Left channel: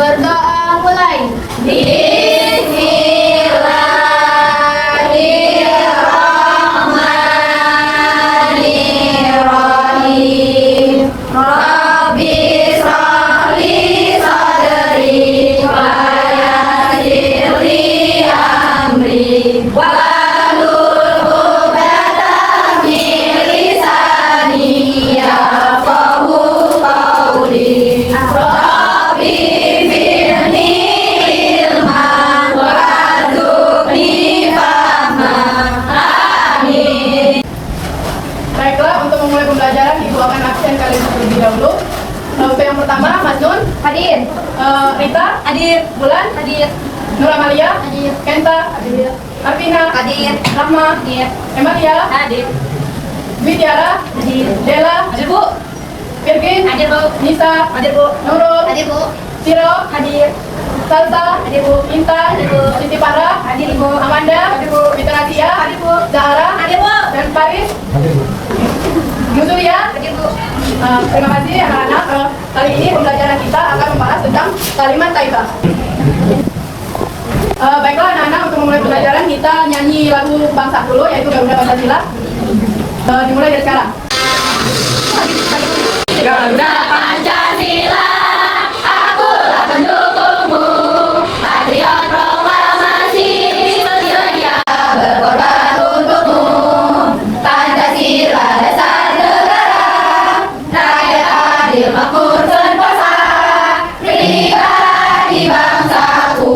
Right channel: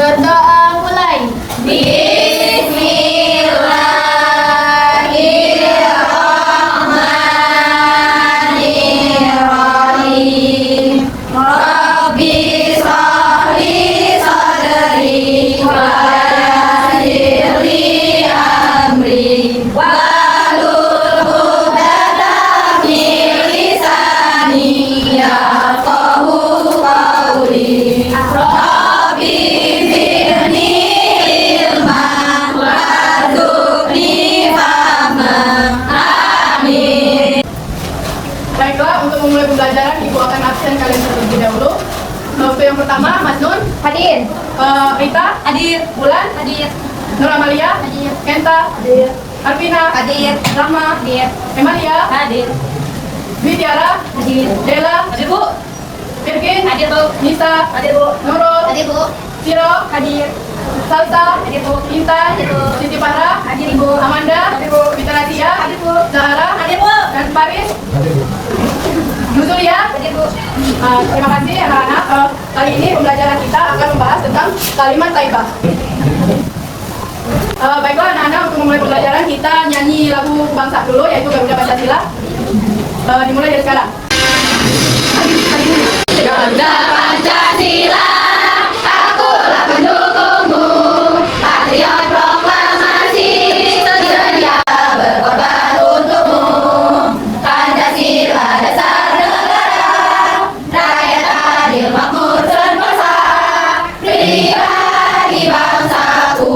Berdoa mulai. Bismillahirrahmanirrahim. Rabbi shrah li sadri wa yassir li amri wahlul 'uqdatam min lisani yafqahu qawli. Rabbi zidni ilman warzuqni fahman. Amin. Baiklah, untuk memulai pembelajaran Ibu akan absen kalian terlebih dahulu. Untuk yang pertama, Mas Nun Hadir. Rita Hadir. Bulan Hadir. Nur Amalia Hadir. Kenta Hadir. Arvina Hadir. Rahma Hadir. Emalia Hadir. Widiara Hadir. Dela Hadir, Bu. Irkin Hadir, Bu. Nisa Hadir, Bu. Nurul Hadir, Bu. Siro Hadir. Salsa Hadir, Bu. Intan Hadir, Bu. Siti Farah Hadir, Bu. Amanda Hadir, Bu. Fitnatia Hadir, Bu. Zahra Hadir, Bu. dan Faris Nuzulia. Hadir, Bu. Terima kasih anak-anak. Kali ini pembelajaran kita akan membahas tentang kalimat thayyibah. Baiklah anak-anak, untuk memulai pembelajaran kita nyanyi lagu bangsa dulu, yaitu Garuda Pancasila. Dimulai dari sekarang. Garuda Pancasila, akulah pendukungmu, patriot proklamasi, sedia berkorban untukmu. Pancasila dasar negara, rakyat adil makmur sentosa, pribadi bangsaku.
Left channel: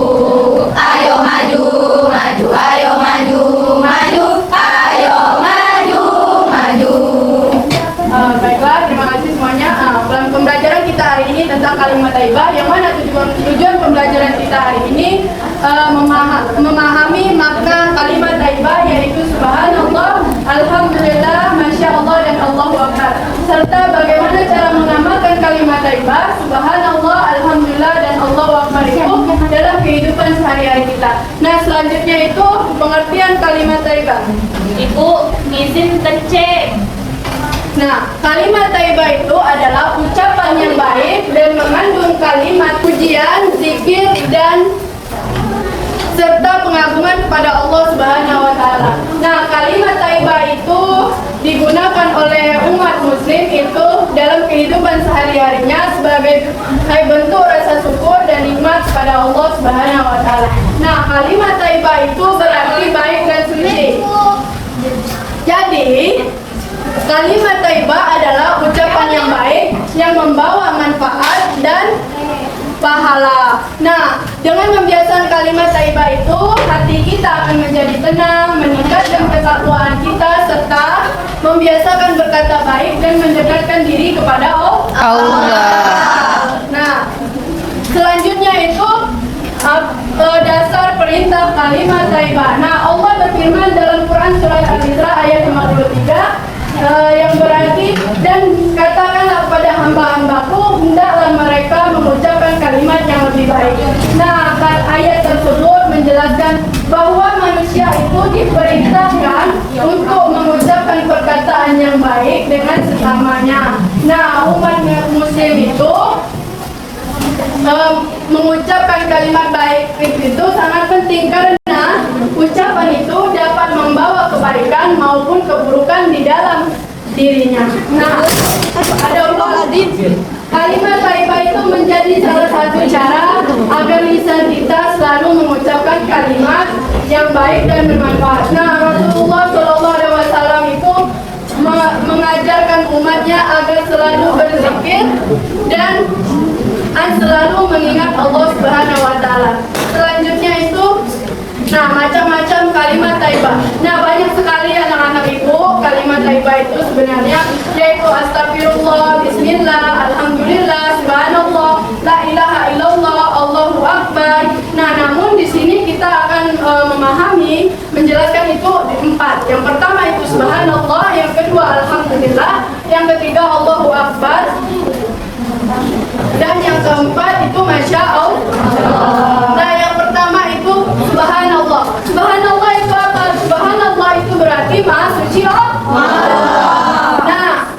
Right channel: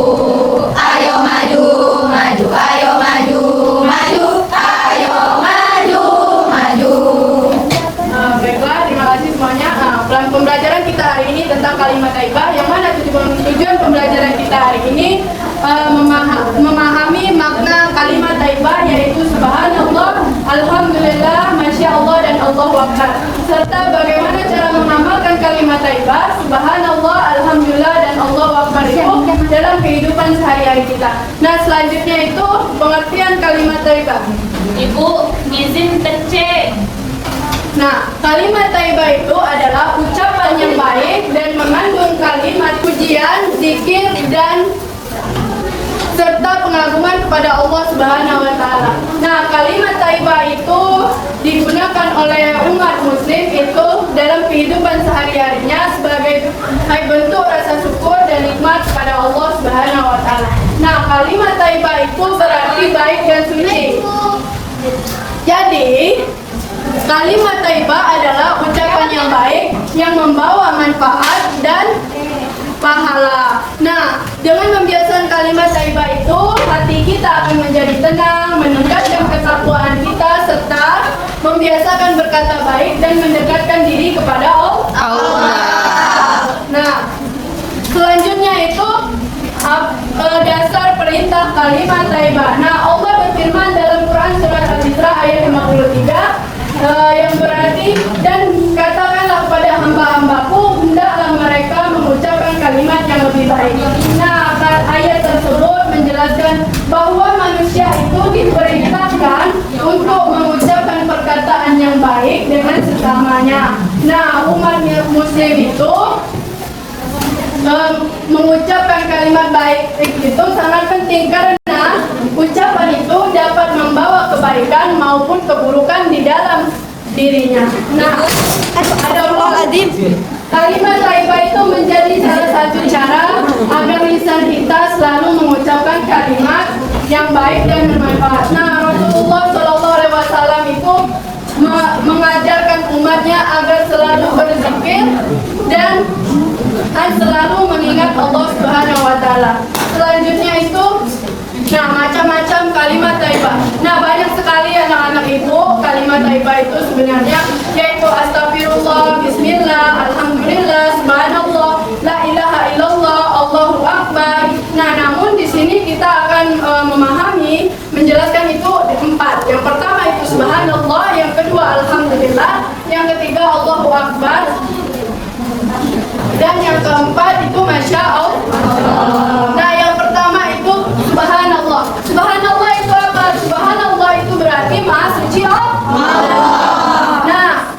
Ayo maju, maju, ayo maju, maju, ayo maju, maju. Baiklah, terima kasih semuanya. Pembelajaran kita hari ini tentang kalimat thayyibah, yang mana tujuan pembelajaran kita hari ini memahami makna kalimat thayyibah, yaitu subhanallah, alhamdulillah, masya Allah, dan Allahu akbar, serta bagaimana cara mengamalkan kalimat thayyibah subhanallah, alhamdulillah, dan Allahu akbar itu dalam kehidupan sehari-hari kita. Nah, selanjutnya itu pengertian kalimat thayyibah. Ibu, izin kecek. Nah, kalimat thayyibah itu adalah ucapan yang baik dan mengandung kalimat pujian, zikir, dan serta pengagungan kepada Allah Subhanahu wa taala. Nah, kalimat thayyibah itu digunakan oleh umat muslim itu dalam kehidupan sehari-harinya sebagai bentuk rasa syukur dan nikmat kepada Allah Subhanahu wa taala. Nah, kalimat thayyibah itu berarti baik dan suci. Jadi, kalimat thayyibah adalah ucapan yang baik yang membawa manfaat dan pahala. Nah, dengan membiasakan kalimat thayyibah itu, hati kita akan menjadi tenang, meningkatkan ketakwaan kita, serta membiasakan berkata baik dan mendekatkan diri kepada Allah. Nah, selanjutnya itu dasar perintah kalimat thayyibah. Nah, Allah berfirman dalam Quran surat Al-Isra ayat 53 yang berarti, dan katakanlah kepada hamba-hambaku, hendaklah mereka mengucapkan kalimat yang lebih baik. Nah, ayat tersebut menjelaskan bahwa manusia itu diperintahkan untuk mengucapkan perkataan yang baik dengan sesamanya. Nah, umat muslim itu mengucapkan kalimat baik itu sangat penting, karena ucapan itu dapat membawa kebaikan maupun keburukan di dalam dirinya. Nah, kalimat thayyibah itu menjadi salah satu cara agar lisan kita selalu mengucapkan kalimat yang baik dan bermanfaat. Nah, Rasulullah SAW itu mengajarkan umatnya agar selalu berzikir dan selalu mengingat Allah Subhanahu wa taala. Selanjutnya itu macam-macam kalimat thayyibah. Nah, banyak sekali anak-anak ibu kalimat thayyibah itu sebenarnya, yaitu astagfirullah, bismillah, alhamdulillah, subhanallah, la ilaha illallah, Allahu akbar. Nah, namun di sini kita akan memahami, menjelaskan itu empat. Yang pertama itu subhanallah, yang kedua alhamdulillah, yang ketiga Allahu akbar, dan yang keempat itu masya Allah. Nah, yang pertama itu subhanallah. Subhanallah itu apa? Subhanallah itu berarti maha suci Allah. Nah,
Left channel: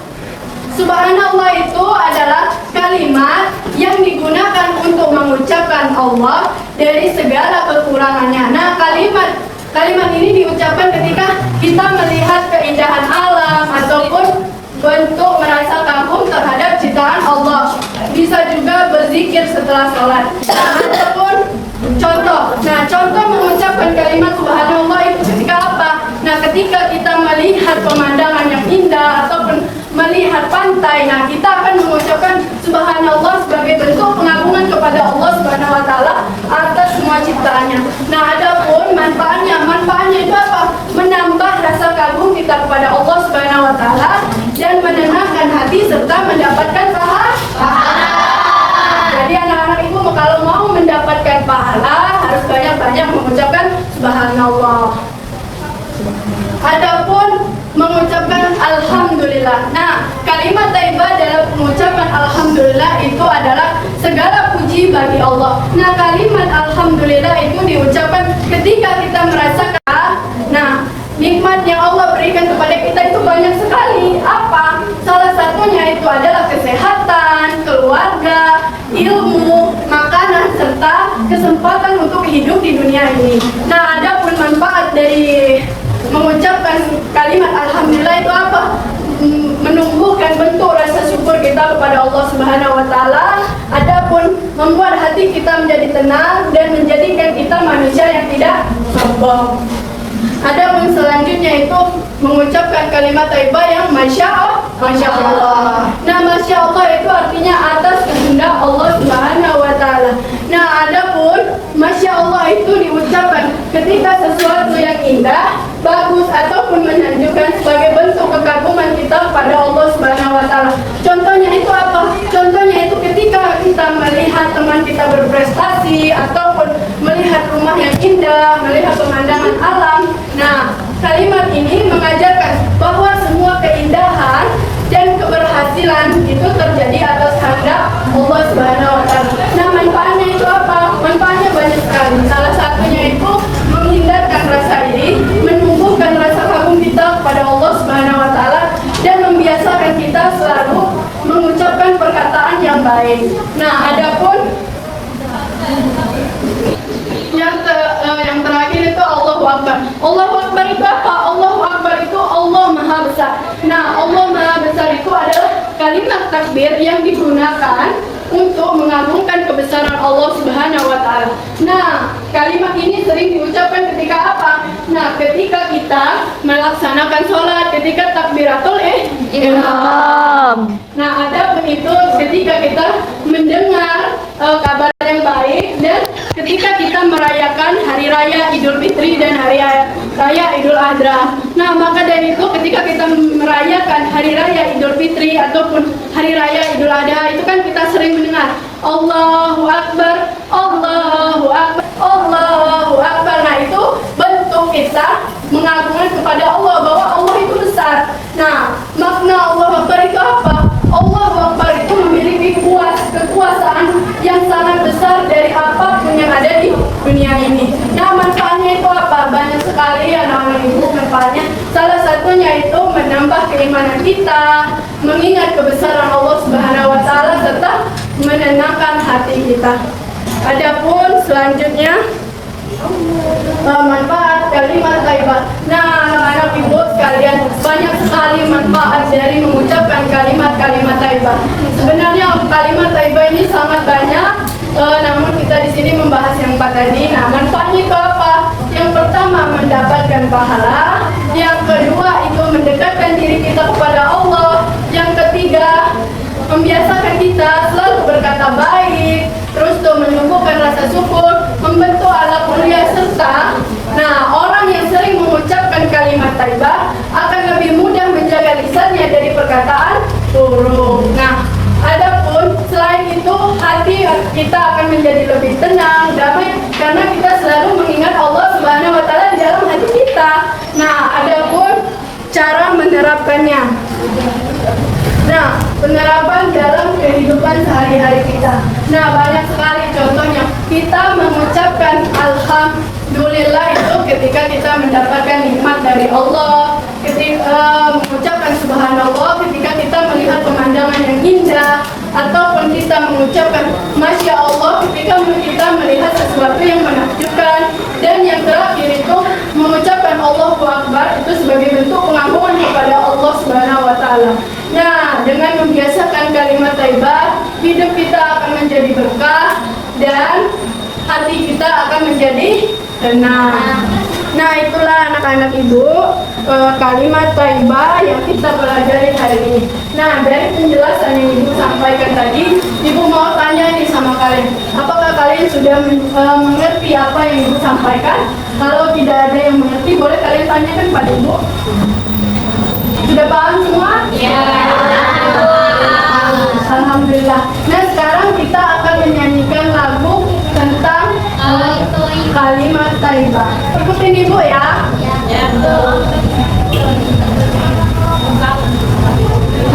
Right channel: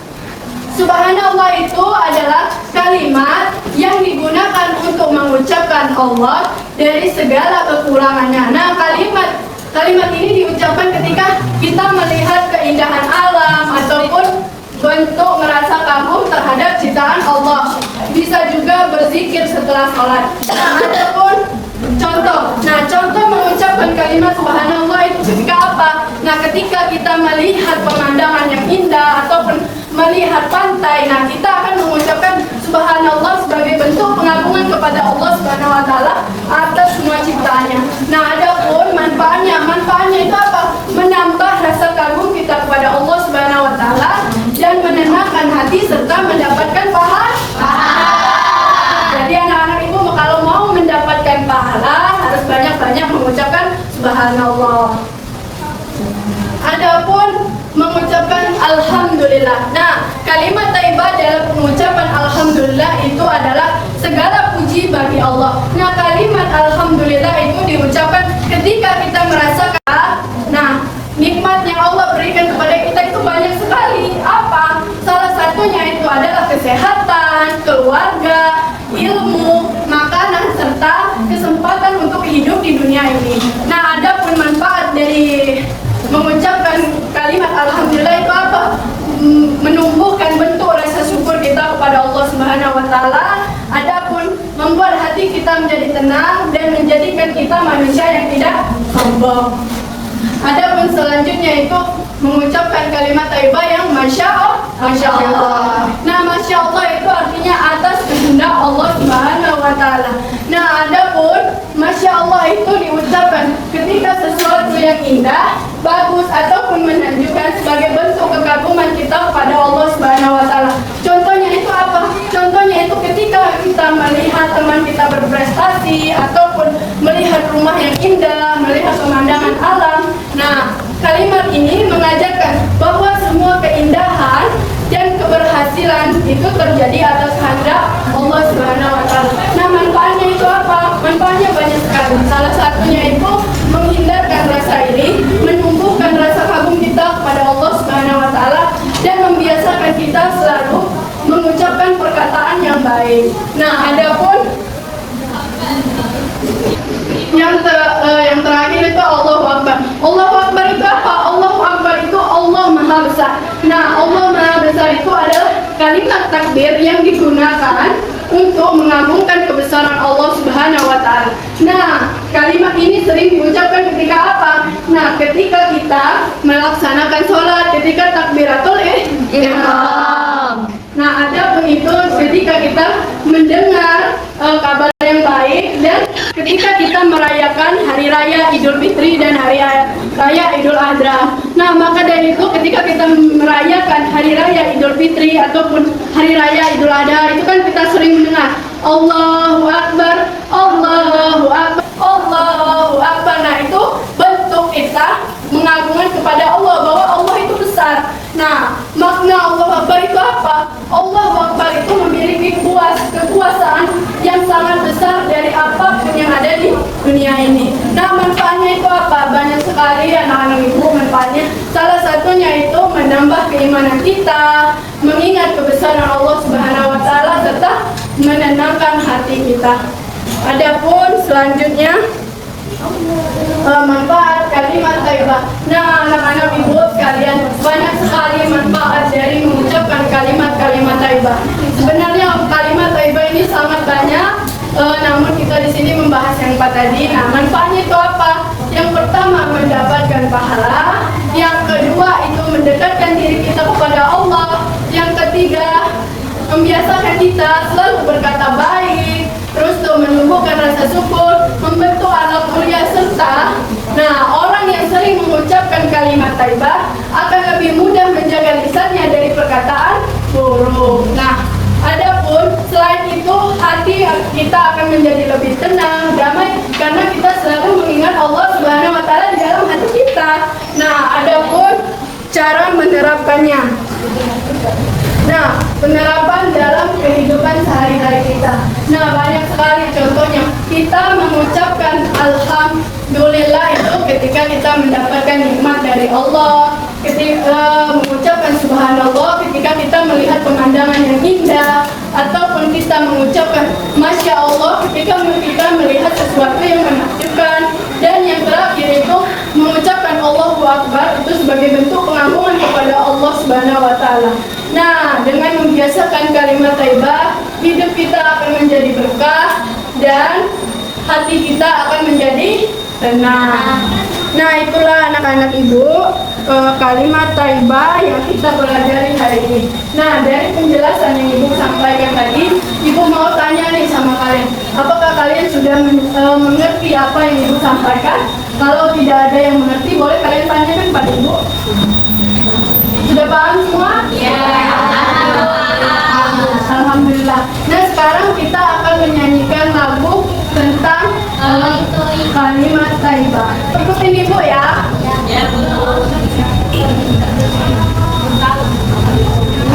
subhanallah itu adalah kalimat yang digunakan untuk mengucap Allah dari segala kekurangannya. Nah, kalimat ini diucapkan ketika kita melihat keindahan alam ataupun bentuk merasa kagum terhadap ciptaan Allah. Bisa juga berzikir setelah sholat. Ataupun contoh mengucapkan kalimat subhanallah itu ketika apa? Nah, ketika kita melihat pemandangan yang indah ataupun melihat pantai, nah kita akan mengucapkan subhanallah sebagai bentuk pengagungan kepada Allah Subhanahu wa taala atas semua ciptaannya. Nah, adapun manfaatnya itu apa? Menambah rasa kagum kita kepada Allah Subhanahu wa taala dan menenangkan hati serta mendapatkan pahala. Jadi anak-anak ibu kalau mau mendapatkan pahala harus banyak-banyak mengucapkan subhanallah. Adapun mengucapkan alhamdulillah. Nah, kalimat thayyibah dalam pengucapan alhamdulillah itu adalah segala puji bagi Allah. Nah, kalimat alhamdulillah itu diucapkan ketika kita merasakan nikmat yang Allah berikan kepada kita itu banyak sekali. Apa? Salah satunya itu adalah kesehatan, keluarga, ilmu, makanan, serta kesempatan untuk hidup di dunia ini. Nah, adapun manfaat dari mengucapkan kalimat alhamdulillah itu apa? Menumbuhkan bentuk rasa syukur kita kepada Allah Subhanahu wa taala. Adapun membuat hati kita menjadi tenang dan menjadikan kita manusia yang tidak sombong. Adapun selanjutnya itu mengucapkan kalimat thayyibah yang masya Allah. Nah, masya Allah itu artinya atas kehendak Allah Subhanahu wa taala. Nah, adapun masya Allah itu diucapkan ketika sesuatu yang indah, bagus ataupun menunjukkan sebagai bentuk kekaguman kita kepada Allah Subhanahu wa taala. Contohnya itu apa? Contohnya itu ketika kita melihat teman kita berprestasi ataupun melihat rumah yang indah, melihat pemandangan alam. Nah, kalimat ini mengajarkan bahwa semua keindahan dan keberhasilan itu terjadi atas kehendak Allah Subhanahu wa taala. Nah, manfaatnya itu apa? Manfaatnya banyak sekali. Salah satunya itu menghindarkan rasa iri, menumbuhkan rasa kagum kita kepada Allah Subhanahu wa taala dan membiasakan kita selalu mengucapkan perkataan yang baik. Nah, adapun yang terakhir itu Allahu Akbar. Allahu Akbar itu apa? Allahu Akbar itu Allah Maha Besar. Nah, Allah Maha Besar itu adalah kalimat takbir yang digunakan untuk mengagungkan kebesaran Allah Subhanahu wa taala. Nah, kalimat ini sering diucapkan ketika apa? Nah, ketika kita melaksanakan sholat, ketika takbiratul ihram. Nah, adapun itu ketika kita mendengar kabar yang baik dan ketika kita merayakan hari raya Idul Fitri dan hari raya Idul Adha. Nah, maka dari itu ketika kita merayakan hari raya Idul Fitri ataupun hari raya Idul Adha itu kan kita sering mendengar Allahu Akbar, Allahu Akbar, Allahu Akbar. Nah, itu bentuk kita mengagungkan kepada Allah bahwa Allah itu besar. Nah, makna Allahu Akbar itu apa? Allahu Akbar itu memiliki kekuasaan yang sangat besar dari apapun yang ada di dunia ini. Nah, manfaatnya itu apa? Banyak sekali anak-anak ibu manfaatnya. Salah satunya itu menambah keimanan kita, mengingat kebesaran Allah Subhanahu wa taala serta menenangkan hati kita. Adapun selanjutnya manfaat kalimat thayyibah. Nah, anak-anak ibu sekalian, banyak sekali manfaat dari mengucapkan kalimat-kalimat thayyibah. Sebenarnya kalimat thayyibah ini sangat banyak, namun kita di sini membahas yang 4 tadi. Nah, manfaatnya itu apa? Yang pertama mendapatkan pahala, yang kedua itu mendekatkan diri kita kepada Allah, yang ketiga membiasakan kita selalu berkata baik, terus tuh menumbuhkan rasa syukur, membentuk akhlak mulia serta orang yang sering mengucapkan kalimat thayyibah akan lebih mudah menjaga lisannya dari perkataan buruk. Nah, adapun selain itu hati kita akan menjadi lebih tenang, damai karena kita selalu mengingat Allah Subhanahu wa taala di dalam hati kita. Nah, adapun cara menerapkannya. Nah, penerapan dalam kehidupan sehari-hari kita. Nah, banyak sekali contohnya. Kita mengucapkan alhamdulillah itu ketika kita mendapatkan nikmat dari Allah, ketika mengucapkan subhanallah ketika kita melihat pemandangan yang indah, atau ataupun kita mengucapkan Masya Allah ketika kita melihat sesuatu yang menakjubkan. Dan yang terakhir itu mengucapkan Allahu Akbar itu sebagai bentuk pengagungan kepada Allah Subhanahu wa taala. Nah, dengan membiasakan kalimat thayyibah, hidup kita akan menjadi berkah dan hati kita akan menjadi tenang. Nah, itulah anak-anak ibu kalimat thayyibah yang kita pelajari hari ini. Nah, dari penjelasan yang ibu sampaikan tadi, ibu mau tanya nih sama kalian, apakah kalian sudah mengerti apa yang ibu sampaikan? Kalau tidak ada yang mengerti, boleh kalian tanyakan pada ibu. Sudah paham semua? Ya. Alhamdulillah. Nah, sekarang kita akan menyanyikan lagu tentang kalimat thayyibah. Ikutin ibu ya.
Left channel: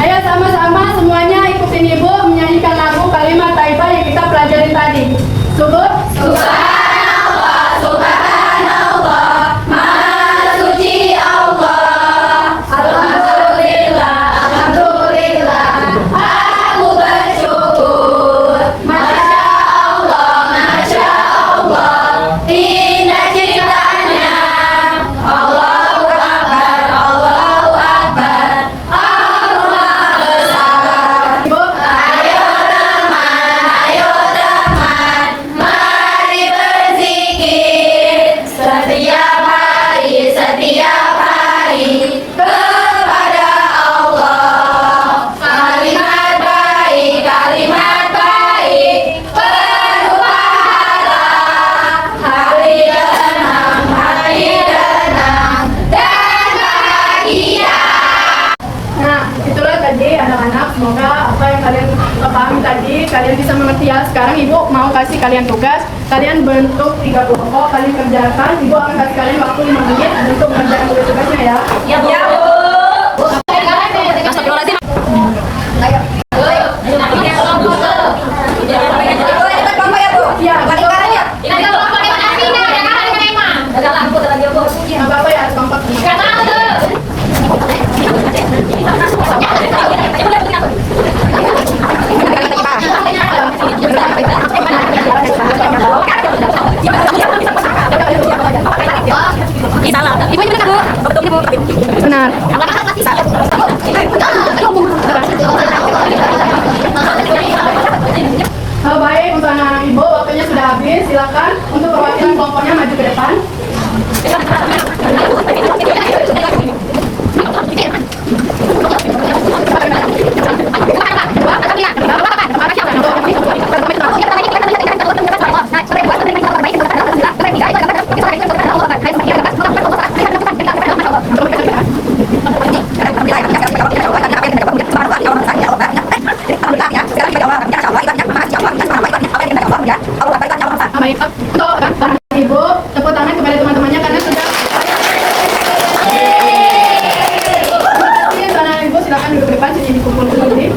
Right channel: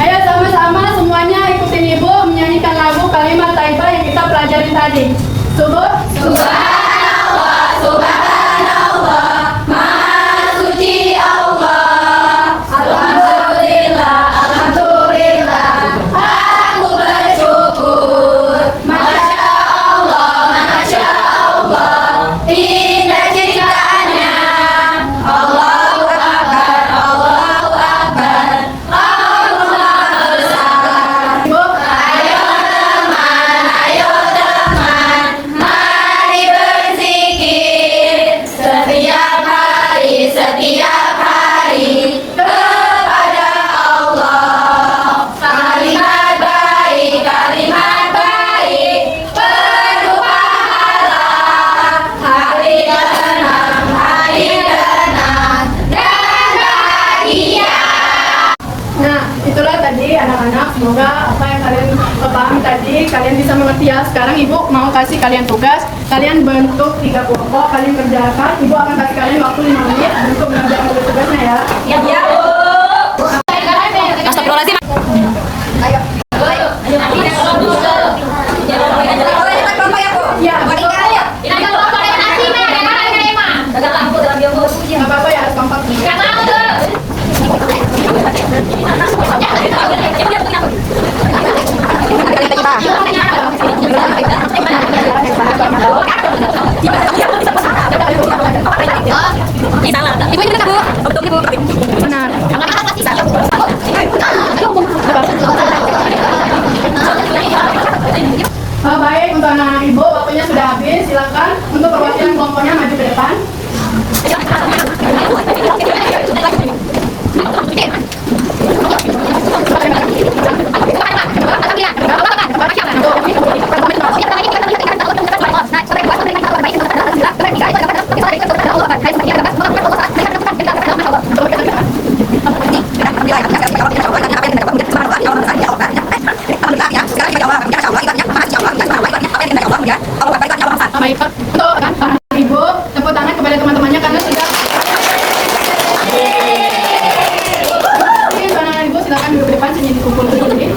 Ayo sama-sama semuanya ikutin ibu menyanyikan lagu kalimat thayyibah yang kita pelajari tadi. Subhanallah, subhanallah, maha suci Allah. Alhamdulillah, alhamdulillah, aku bersyukur. Masya Allah, indah ciptaannya. Allahu Akbar, Allahu Akbar, Allah bersabar. Ibu, Ayo teman, mari berzikir setiap hari kepada Allah. Kalimat baik penuh pahala. Hari tenang dan bahagia. nah, itulah tadi anak-anak. Semoga apa yang kalian pahami tadi kalian bisa mengerti ya. Sekarang ibu mau kasih kalian tugas. Kalian bentuk 3 kelompok, kalian kerjakan. Ibu akan kasih kalian waktu 5 menit untuk mengerjakan tugas-tugasnya ya. Ya, Bu. Ayo. Ya, nggak apa-apa ya, kompak. Benar. Baik, untuk anak ibu waktunya sudah habis. Silakan untuk perwakilan kelompoknya maju ke depan. Baik, untuk anak ibu tepuk tangan kepada teman-temannya karena sudah. Oke, untuk anak ibu silakan duduk di depan sini dikumpul sini.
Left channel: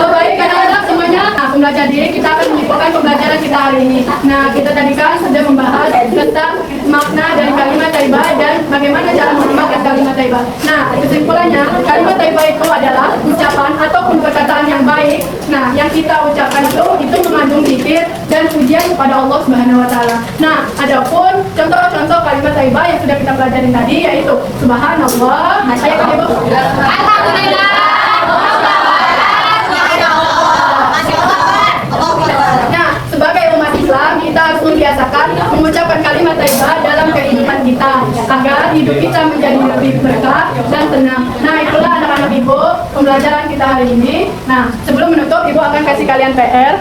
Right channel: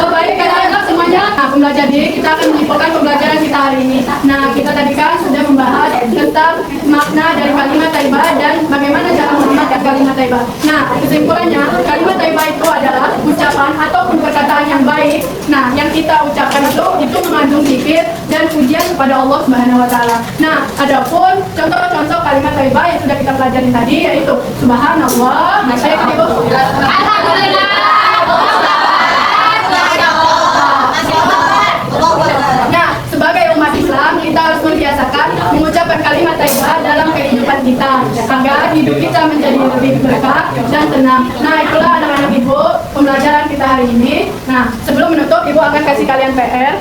Baik, anak-anak semuanya. Nah, pembelajar diri kita akan menyimpulkan pembelajaran kita hari ini. Nah, kita tadi kan sudah membahas tentang makna dari kalimat thayyibah dan bagaimana cara mengamalkan kalimat thayyibah. Nah, kesimpulannya, kalimat thayyibah itu adalah ucapan ataupun perkataan yang baik. Nah, yang kita ucapkan itu mengandung zikir dan pujian kepada Allah Subhanahu wa taala. Nah, adapun contoh-contoh kalimat thayyibah yang sudah kita pelajari tadi yaitu subhanallah. Nah, saya ibu. Alhamdulillah. Nah, sebagai umat Islam kita harus membiasakan mengucapkan kalimat thayyibah dalam kehidupan kita agar hidup kita menjadi lebih berkah dan tenang. Nah, itulah anak-anak ibu pembelajaran kita hari ini. Nah, sebelum menutup ibu akan kasih kalian PR.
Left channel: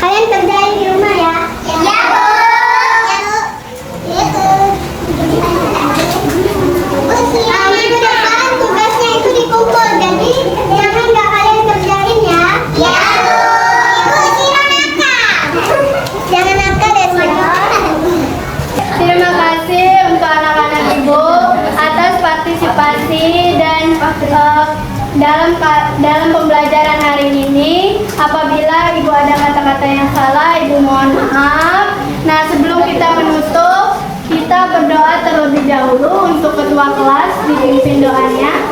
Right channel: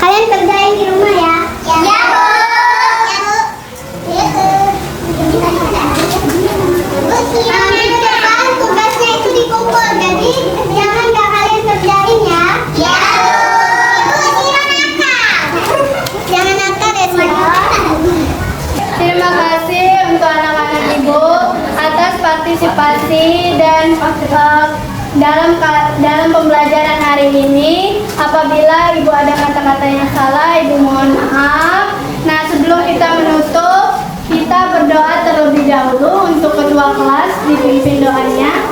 Kalian kerjain di rumah ya. Ya, Bu. Minggu depan tugasnya itu dikumpul, jadi jangan nggak kalian kerjain ya. Ya, Bu. Jangan nakal ya semuanya. Terima kasih untuk anak-anak ibu atas partisipasi dalam pembelajaran hari ini. Apabila Ibu ada kata-kata yang salah, Ibu mohon maaf. Nah, sebelum kita menutup, kita berdoa terlebih dahulu untuk ketua kelas, dipimpin doanya.